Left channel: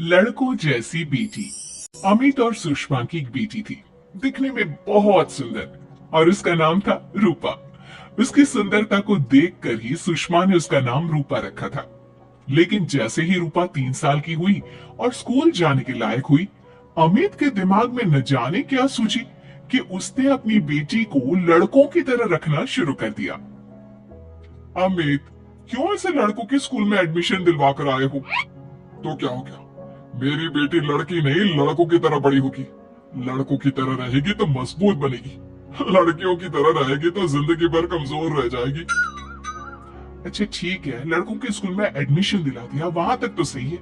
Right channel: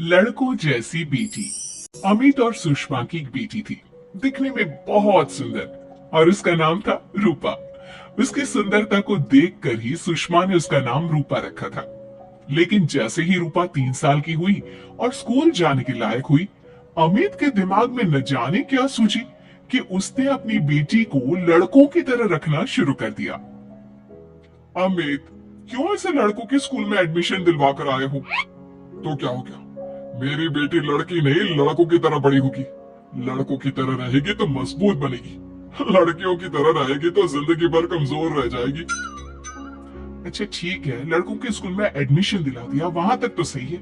लड़कों जैसी बेटी। अमित और सुषमा की एक बेटी थी, दिखने में बहुत सुंदर, और उसका नाम था रूपा। उसकी सुंदरता को देखकर ही सुषमा ने उसका नाम रूपा रखा था। लेकिन जैसे ही रूपा 3 साल की हुई और स्कूल जाने के लायक हुई, अमित के दिमाग में न जाने क्या सूझी कि उसने अपनी बेटी को लड़कों की तरह रखना शुरू कर दिया। अमित, क्यों ऐसे लड़कों के स्कूल में एडमिशन दिलवा कर आए हो? तो क्या हो गया? मेरी बेटी लड़की नहीं लड़कों की तरह बड़ी होगी। लड़कों की तरह रहेगी तो मजबूत बनेगी, लड़कियों की तरह रहेगी तो जिंदगी भर कमजोर रह जाएगी। अच्छा ठीक है, लड़कों के स्कूल में एडमिशन दिला दिया, वहां तक तो सही है।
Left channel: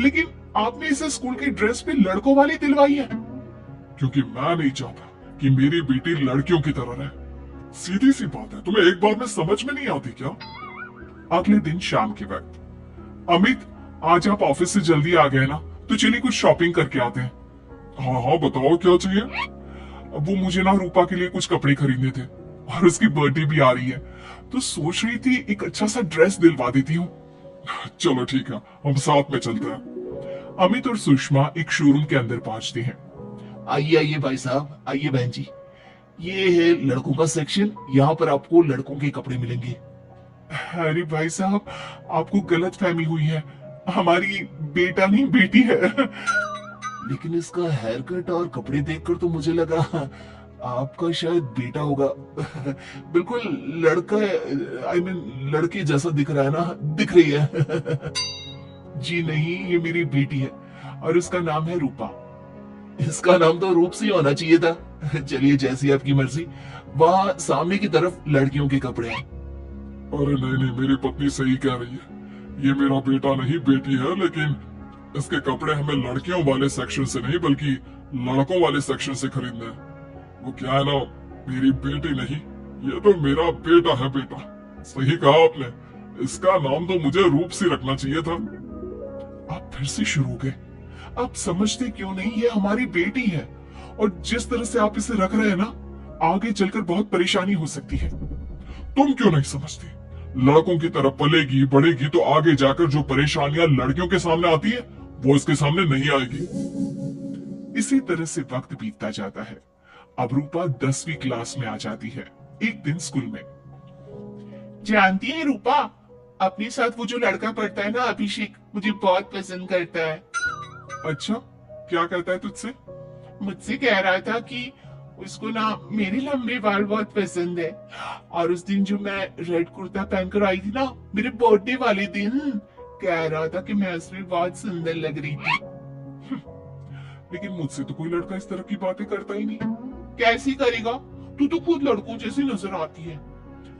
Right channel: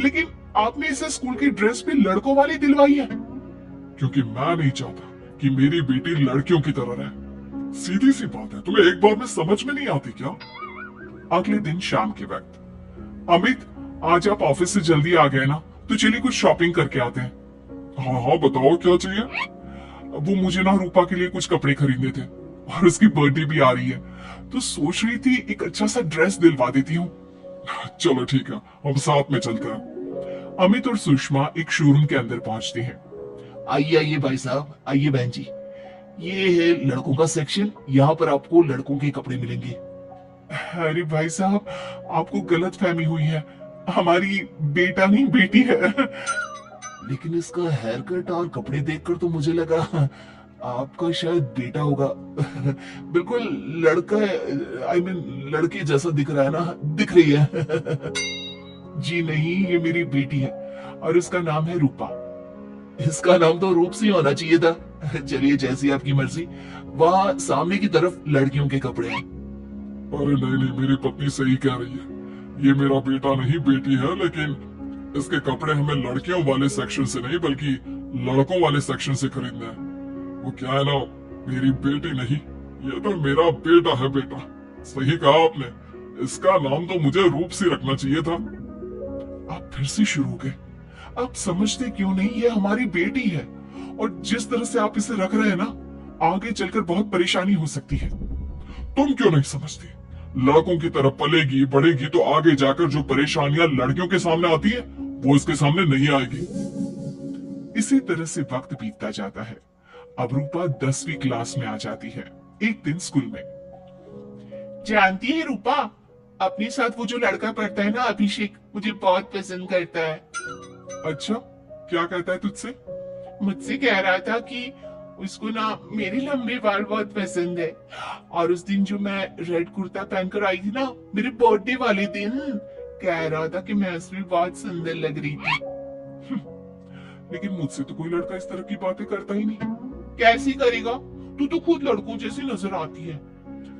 लेकिन आपने इस स्कूल की ड्रेस भी लड़कों वाली दिलवाई है। क्योंकि मैं नहीं चाहता कि मेरी बेटी लड़कियों की तरह रहे। सीधी सी बात है, तुम्हें एक बार में समझ में नहीं आती क्या? अगले दिन शाम के वक्त, अमित, आज आप ऑफिस से जल्दी आ गए ना, तो चलिए कुछ शॉपिंग करके आते हैं। हाँ हाँ, बताओ क्या चाहिए? वो मुझे ना रूपा के लिए कुछ कपड़े खरीदने थे, और इसकी बर्थडे भी आ रही है, तो सोच रही थी एक अच्छा सा ड्रेस दिलवा देती हूँ। चलो ठीक है, हम साथ में चलते हैं। अमित और सुषमा एक शोरूम के अंदर पहुंचते हैं। आइए आइए भाई साहब, आइए बहन जी। ये है लड़कों का सेक्शन, यहाँ पर आपको लड़कों के कपड़े मिलेंगे। अरे भाई साहब, आपको गलत फहमी हुई है, हमारी बेटा नहीं बेटी है। लेकिन इसका हेयर कट और कपड़े देखकर तो मुझे लगा आपका शायद बेटा होगा। बिल्कुल लड़का, आई मीन लड़के जैसा दिख रहा है ना, दिख रही है। जी नहीं, ये मेरी बेटी है और इसका नाम है रूपा। इसका नाम तो रूप सिंह होना चाहिए था। चलिए जैसी आपकी मर्जी। वहाँ सामने की तरफ लड़कियों के कपड़े हैं। अरे नहीं नहीं, मेरी पत्नी सही कह रही है, ये मेरा बेटा नहीं बेटी है, लेकिन इसके कपड़े हमें लड़कियों वाले सेक्शन से नहीं बल्कि लड़कों वाले सेक्शन से खरीदने हैं। वो क्या है ना, मेरी बेटी नहीं, ये तो मेरा बेटा है। बेटा, सही कहा आपने, इसका नाम तो मुझे रूप से रखना चाहिए था। आप फिर से शुरू हो गए। आप समझते क्यों नहीं, ये हमारी बेटी है, और जिस तरह से आप इसे रख रहे हैं ना, आगे चलकर बहुत परेशानी हो सकती है। तुम क्यों नहीं समझते? लड़कों की तरह पलेगी बढ़ेगी तो आगे जाकर जो परेशानियां लड़कियों के सामने आती है, वो इसके सामने नहीं आएगी। इसी तरह से वक्त बीतता जाता है। अब रूपा 10वीं क्लास में आ जाती है। एक दिन स्कूल में, जानती है रूपा, अपने साथ वो जो लड़का पढ़ता है ना, अभिषेक, मुझे बहुत पसंद करता है। अच्छा, क्या कहता है तुझसे? मुझसे कह रहा था कि उसको ना मेरे लंबे बाल बहुत पसंद है, और उस दिन जो मैं रेड कुर्ता पहनकर आई थी ना, मेरे बर्थडे वाले दिन, कह रहा था कि मैं उसमें बहुत सुंदर लग रही थी। लेकिन मुझसे तो कोई लड़का इस तरह की बातें करता ही नहीं। कैसी करेगा? तू तो खुद लड़कों जैसी नजर आती है,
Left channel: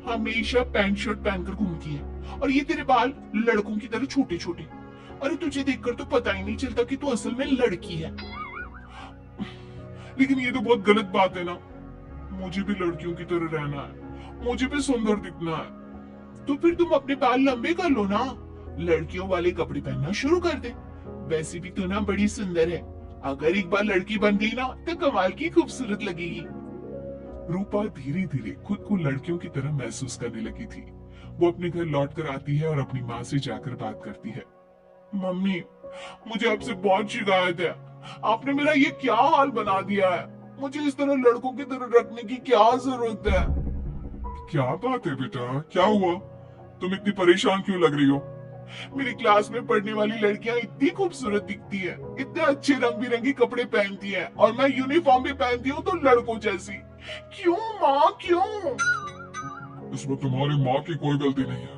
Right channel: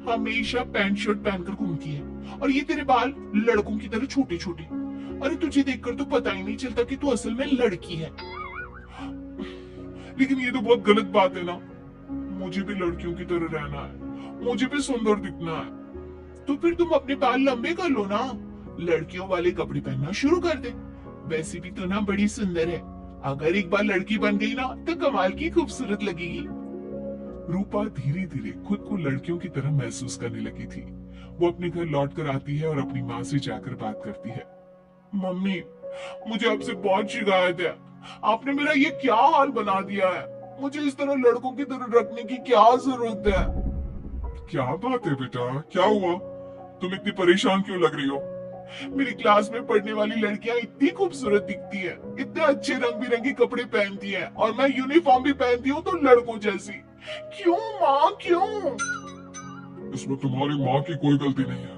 हमेशा पैंट शर्ट पहनकर घूमती है, और ये तेरे बाल लड़कों की तरह छोटे छोटे। अरे तुझे देखकर तो पता ही नहीं चलता कि तू असल में लड़की है। लेकिन ये तो बहुत गलत बात है ना, मुझे भी लड़कियों की तरह रहना है, मुझे भी सुंदर दिखना है। तो फिर तुम अपने बाल लंबे कर लो ना, लड़कियों वाले कपड़े पहनना शुरू कर दे। वैसे भी तो ना बड़ी सुंदर है, अगर एक बार लड़की बन गई ना तो कमाल की खूबसूरत लगेगी। रूपा धीरे धीरे खुद को लड़कियों की तरह महसूस करने लगी थी। वो अपने घर लौट कर आती है और अपनी माँ से जाकर बात करती है। मम्मी, मुझे आपसे बहुत शिकायत है, आपने मेरा ये क्या हाल बना दिया है, मुझे इस तरह लड़कों की तरह रखने की क्या जरूरत है? क्या बात है बेटा, क्या हुआ? तुम इतनी परेशान क्यों लग रही हो? मेरी क्लास में पढ़ने वाली लड़कियां इतनी खूबसूरत दिखती है, इतने अच्छे रंग बिरंगे कपड़े पहनती है, और मैं यूनिफॉर्म भी पहनती हूँ तो लड़कों जैसी। क्यों माँ, क्यों? इसमें तुम्हारी माँ की कोई गलती नहीं है।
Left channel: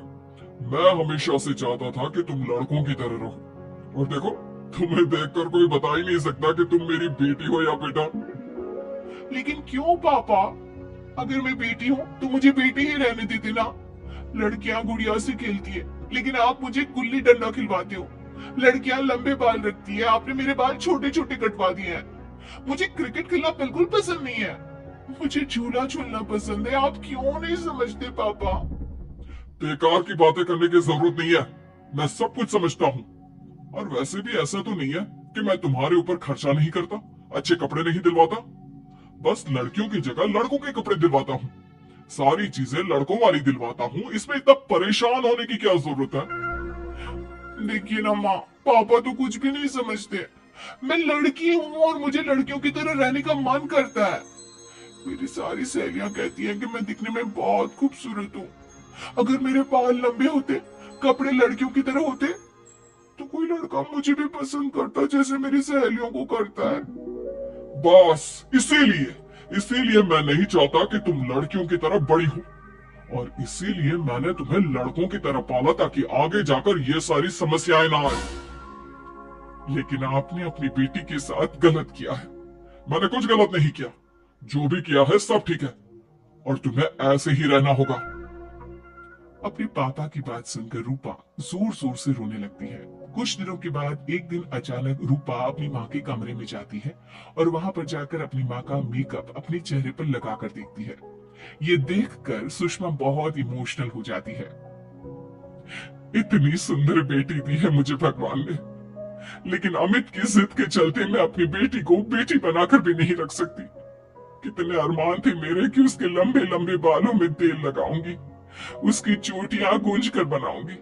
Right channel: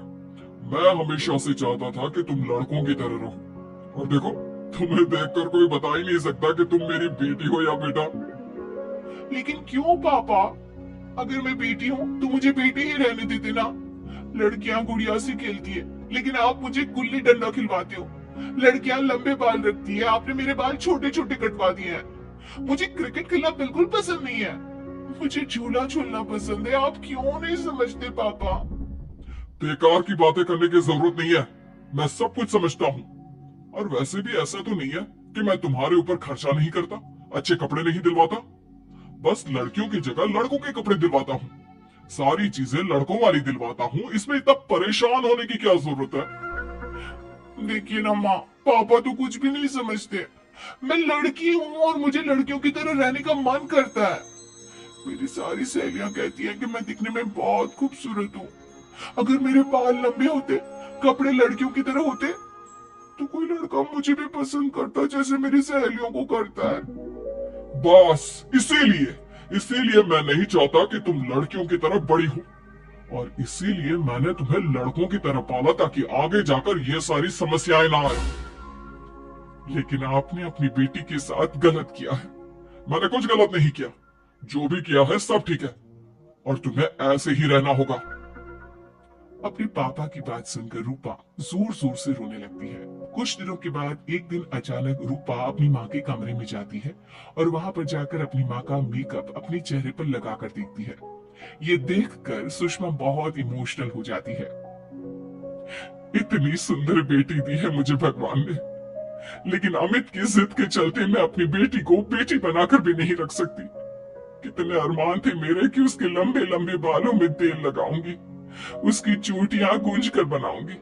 मैं हमेशा से चाहता था कि तुम लड़कों की तरह रहो, और देखो, तुम्हें देखकर कोई बता ही नहीं सकता कि तुम मेरी बेटी हो या बेटा। लेकिन क्यों पापा? अगर मैं बेटी हूँ तो मुझे बेटी ही रहने देते ना। लड़कियां गुड़िया से खेलती है, लेकिन आप मुझे गुल्ली डंडा खिलवाते हो। लड़कियां लंबे बाल रखती है, आपने मेरे बाल छोटे छोटे कटवा दिए हैं। मुझे क्रिकेट खेलना बिल्कुल पसंद नहीं है, मुझे झूला झूलना पसंद है। आप क्यों नहीं समझते पापा? बेकार की बातें करने की जरूरत नहीं है, मैं सब कुछ समझता हूँ। और वैसे भी ऐसा तो नहीं है कि मैं तुम्हारे ऊपर खर्चा नहीं करता, अच्छे कपड़े नहीं दिलवाता, बस लड़कियों की जगह लड़कों के कपड़े दिलवाता हूँ, सारी चीजें लड़कों वाली दिलवाता हूँ। इसमें इतना परेशान होने की क्या जरूरत है? देखिए ना माँ, पापा तो कुछ भी नहीं समझते। मैं लड़की हूँ और मुझे लड़कियों की तरह रहने का मन करता है। मेरी सारी सहेलियां कहती हैं कि मैं दिखने में बहुत खूबसूरत हूँ। अगर मेरे बाल लंबे होते, कपड़े लड़कियों की तरह होते, तो कोई लड़का मुझे भी पसंद करता जैसे मेरी सहेलियों को करता है। बस इसीलिए इसीलिए मैं नहीं चाहता कि तुम लड़कियों की तरह बड़ी हो, और इसीलिए मैंने तुम्हें लड़कों की तरह पाला ताकि आगे जाकर ये सारी समस्याएं ना आए। लेकिन आपने अपनी बेटी के साथ गलत किया है। मैंने कुछ गलत नहीं किया, जो भी किया है सब ठीक है, और तुम्हें ऐसे ही रहना होगा। अपने पापा की बात सुनकर रूपा जोर जोर से रोने लगती है। कुछ दिनों के बाद एक दिन अचानक रूपा अपनी माँ के कमरे में जाती है और वहां पर जाकर अपनी माँ का मेकअप अपने चेहरे पर लगाकर देखती है। ये देखकर सुषमा बहुत इमोशनल हो जाती है। इतनी सुंदर बेटी दी है मुझे भगवान ने, लेकिन अमित की जिद के चलते मैं अपनी बेटी को बेटी बनाकर भी नहीं रख सकती। कितने अरमान थे मेरे कि उसके लंबे लंबे बालों में तेल लगाऊंगी, उसकी चोटियां गूंज कर बनाऊंगी,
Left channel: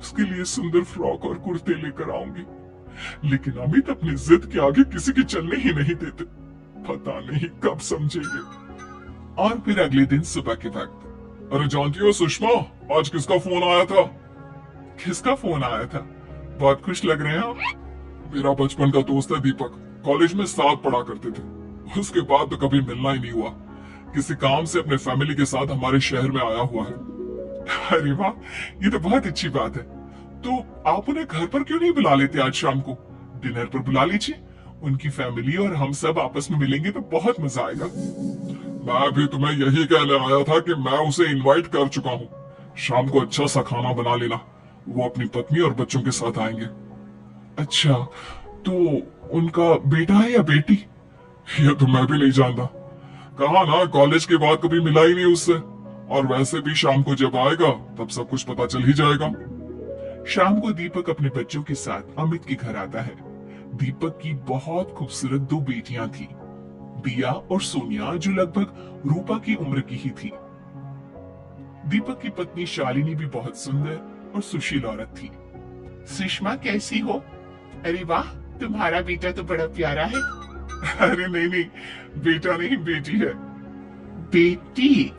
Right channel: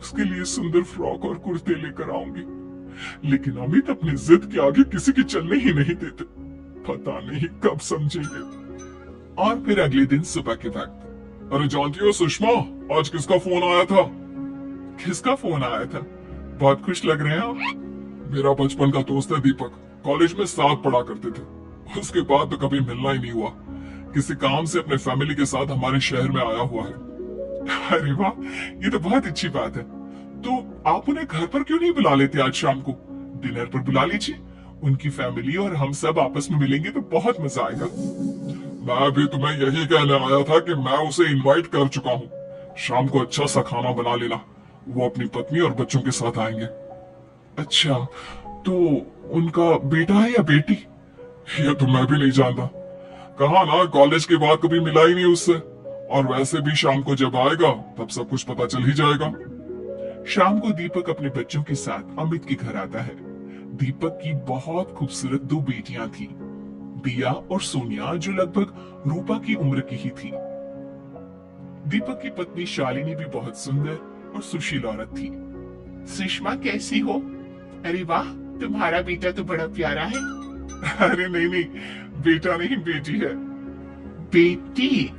उसके लिए सुंदर फ्रॉक और कुर्ते लेकर आऊंगी। लेकिन अमित अपनी जिद के आगे किसी की चलने ही नहीं देते। पता नहीं कब समझेंगे। और फिर अगले दिन सुबह के वक्त, अरे जानती हो सुषमा, आज किसका फोन आया था? किसका फोन आया था? बहुत खुश लग रहे हैं। मेरा बचपन का दोस्त है दीपक, कॉलेज में साथ पढ़ा करते थे। उसके बाद तो कभी मिलना ही नहीं हुआ। किसी काम से अपने फैमिली के साथ हमारे शहर में आया हुआ है। अरे वाह, ये तो बहुत अच्छी बात है। तो आप उन्हें घर पर क्यों नहीं बुला लेते? आज शाम को डिनर पर बुला लीजिए। उनकी फैमिली और हम सब आपस में मिलेंगे तो बहुत मजा आएगा। मैं भी तुम्हें यही कहने आया था कि मैं उसे इनवाइट कर चुका हूँ। शाम को अच्छा सा खाना बना लेना, वो अपनी पत्नी और बच्चों के साथ आएंगे। अच्छा, तो उनका बेटा है या बेटी? ये तो मैं भी नहीं जानता। कहा ना, कॉलेज के बाद कभी मिला ही नहीं उससे, और वैसे भी शाम को जब आएगा तब सब कुछ पता चल ही जाएगा। शाम को दीपक अपने बच्चों के साथ अमित के घर आता है। दीपक की बहुत खूबसूरत दो बेटियां थी, दिया और सोनिया, जो लगभग रूपा की उम्र की ही थी। दीपक की पत्नी शालिनी भी बहुत सुंदर और सुशील औरत थी। सुषमा कैसी हो? अरे वाह, तुम्हारा बेटा तो बड़ा प्यारा है। अरे नहीं नहीं, बेटा नहीं बेटी है। बेटी?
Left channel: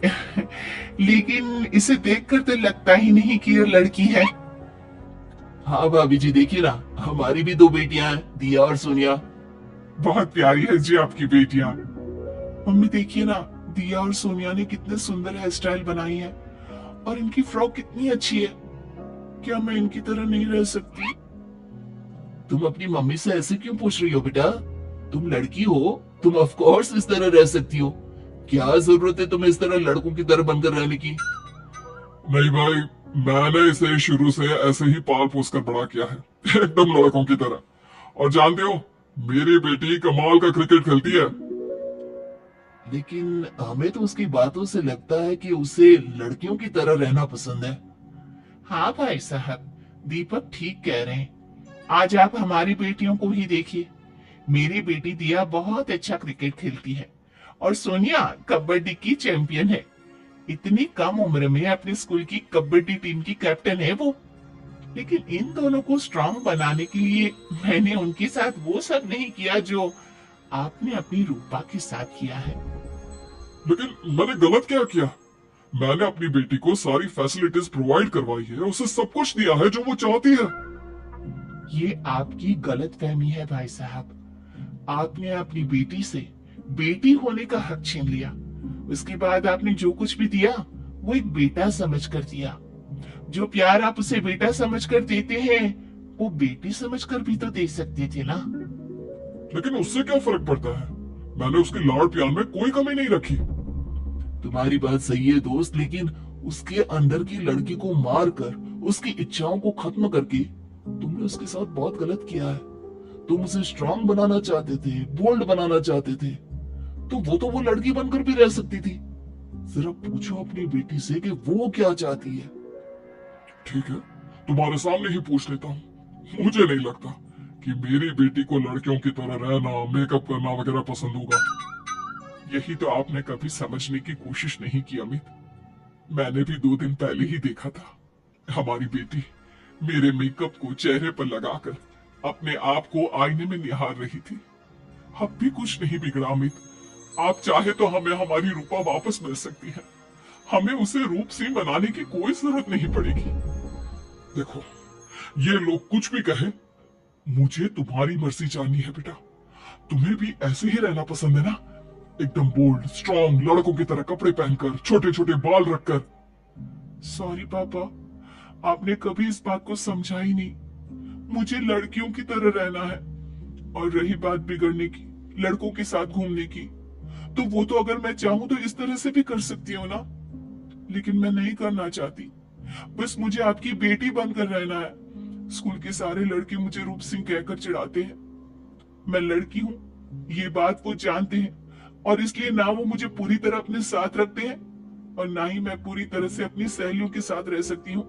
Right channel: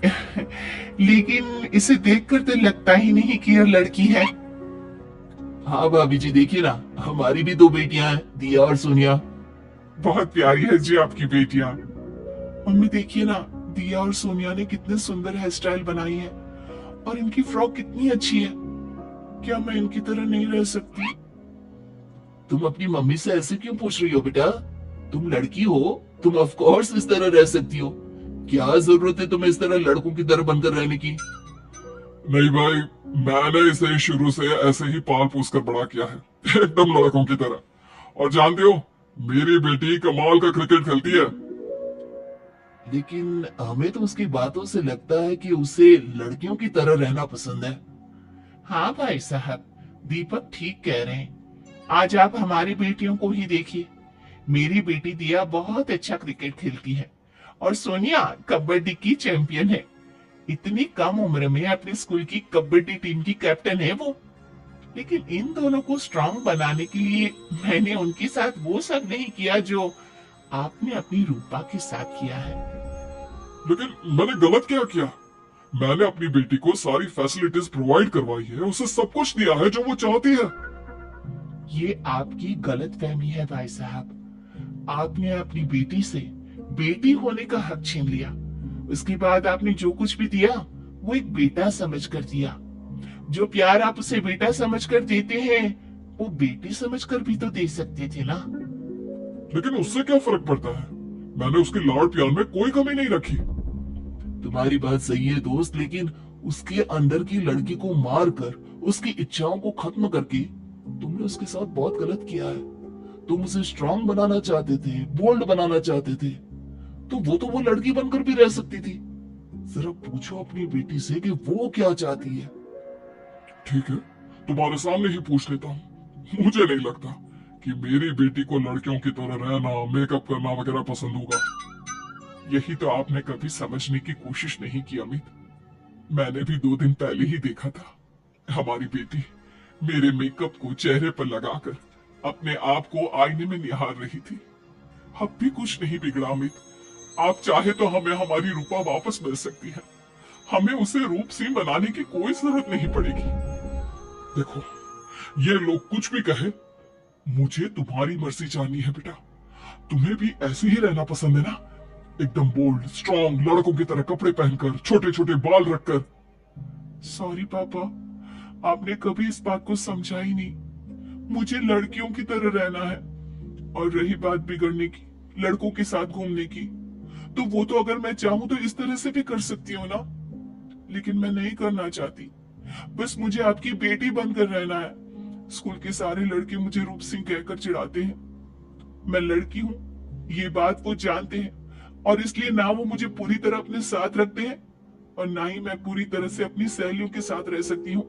लेकिन इसे देखकर तो लगता ही नहीं कि ये लड़की है। हाँ भाभी जी, देखिए ना, हमारी भी दो बेटियां हैं, दिया और सोनिया। बहुत प्यारी है जी आपकी बेटियां। मम्मी देखिए ना, दिया और सोनिया ने कितने सुंदर हेयर स्टाइल बनाई है, और इनकी फ्रॉक कितनी अच्छी है। क्या मैं इनकी तरह नहीं रह सकती? तुम अपनी मम्मी से ऐसे क्यों पूछ रही हो बेटा? तुम लड़की हो, तुम ऑफ कोर्स इस तरह रह सकती हो। क्या जरूरत है तुम्हें इस तरह लड़कों की तरह बनकर रहने की? नहीं भाई, मैंने इसे शुरू से ऐसे ही पाल पोस कर बड़ा किया है, एकदम लड़कों की तरह। और जानते हो, मेरी बेटी कमाल का क्रिकेट खेलती है। लेकिन हमें तो उसकी बातों से लगता है कि उसे लड़कियों की तरह रहना पसंद है। हाँ भाई साहब, दीपक ठीक कह रहे हैं। आज आप हमारी बेटियों को ही देखिए। मेरी बेटी दिया बहुत अच्छा क्रिकेट खेलती है, और सोनिया कबड्डी की चैंपियन है। इतनी कम उम्र में अपने स्कूल की कबड्डी टीम की कैप्टन है वो। लेकिन इन दोनों को स्ट्रांग बनाने के लिए मैंने उनके साथ वो सब नहीं किया जो आपने अपनी रूपा के साथ किया है। लेकिन मैंने गलत क्या किया? मैंने अपनी बेटी को सारी फैसिलिटीज प्रोवाइड करवाई है, उसे सब कुछ दिया है जो वो चाहती है। ये आपकी गलत फहमी है भाई साहब। आपने अपनी बेटी से बेटी होने का हक छीन लिया। उसके बाद आपने जो कुछ भी दिया वो एक बेटा समझकर दिया। जो प्यार आप उसे बेटा समझकर देते हैं, वो बेटी समझकर भी तो दे सकते थे ना। लेकिन उससे क्या फर्क पड़ता है? मैंने उसके लाड़ प्यार में कोई कमी नहीं रखी। तुम्हारी बात सही है दोस्त, लेकिन उसके अंदर की लड़की को मार कर उसकी इच्छाओं को खत्म करके तुमने उसके साथ बहुत गलत किया है। तुम उसे स्ट्रांग बनाना चाहते थे, बोल्ड बनाना चाहते थे, तो वो लड़की बनकर भी रह सकती थी। सिर्फ पूछो अपनी बेटी से कि वो क्या चाहती है। ठीक है, तुम्हारे सामने ही पूछ लेता हूँ। मुझे नहीं लगता कि मेरी बेटी को लड़कियों की तरह रहना, मेकअप करना वगैरह पसंद होगा। यही तो आपने कभी समझने की कोशिश नहीं की अमित। मैंने भी 2 दिन पहले ही देखा था। हमारी बेटी मेरे मेकअप को चेहरे पर लगाकर अपने आप को आईने में निहार रही थी। अब भी कुछ नहीं बिगड़ा अमित। आप चाहे तो हमें हमारी रूपा वापस मिल सकती है। हमें उसे रूप से बनाने की कोई जरूरत नहीं पड़ेगी। देखो, ये लोग कुछ भी कहे, मुझे तुम्हारी मर्जी जाननी है बेटा। तुम्हें भी ऐसे ही रहना पसंद है ना? एकदम बोल्ड स्ट्रॉन्ग लड़कों की तरह कपड़े पहनकर, छोटे छोटे बाल रखकर। सॉरी पापा, आपने कभी इस बात को समझा ही नहीं। मुझे लड़कियों की तरह रहना है। और रही बात बिगड़ने की, लड़कों के साथ घूमने की, तो वो तो अगर मैं चाहूं तो इस तरह से भी कर सकती हूँ ना। लेकिन मैं नहीं करना चाहती। बस मुझे आपकी बेटी बनकर रहना है। स्कूल के सारे लड़के मुझे रूप सिंह कहकर चिढ़ाते हैं। मैं लड़की हूँ, ये बात वो जानते हैं, और इसलिए ना वो मुझे पूरी तरह अपने साथ रखते हैं और ना ही मैं पूरी तरह से अपनी सहेलियों के साथ रह सकती हूँ।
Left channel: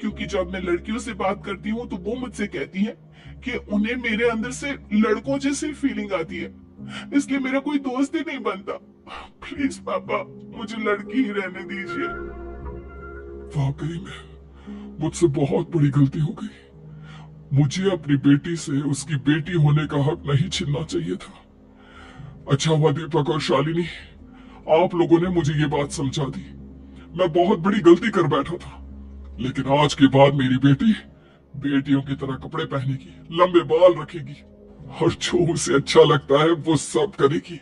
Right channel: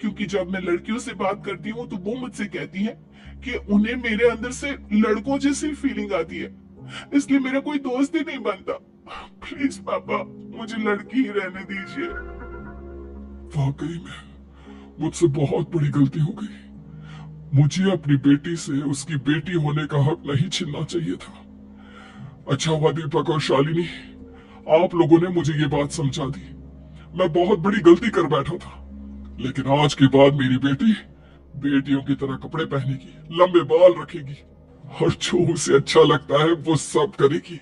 क्योंकि जब मैं लड़कियों से बात करती हूँ तो वो मुझसे कहती हैं कि उन्हें मेरे अंदर से लड़कों जैसी फीलिंग आती है, इसलिए मेरा कोई दोस्त ही नहीं बनता। प्लीज पापा, मुझे लड़की ही रहने दीजिए। वाकई में मुझसे बहुत बड़ी गलती हो गई। मुझे अपनी बेटी से उसकी बेटी होने का हक नहीं छीनना चाहिए था। अच्छा हुआ दीपक और शालिनी, आप लोगों ने मुझे ये बात समझा दी। मैं बहुत बड़ी गलती कर बैठा था, लेकिन आज के बाद मेरी बेटी बेटियों की तरह कपड़े पहनेगी, लंबे बाल रखेगी और जो उसे अच्छा लगता है वो सब करेगी।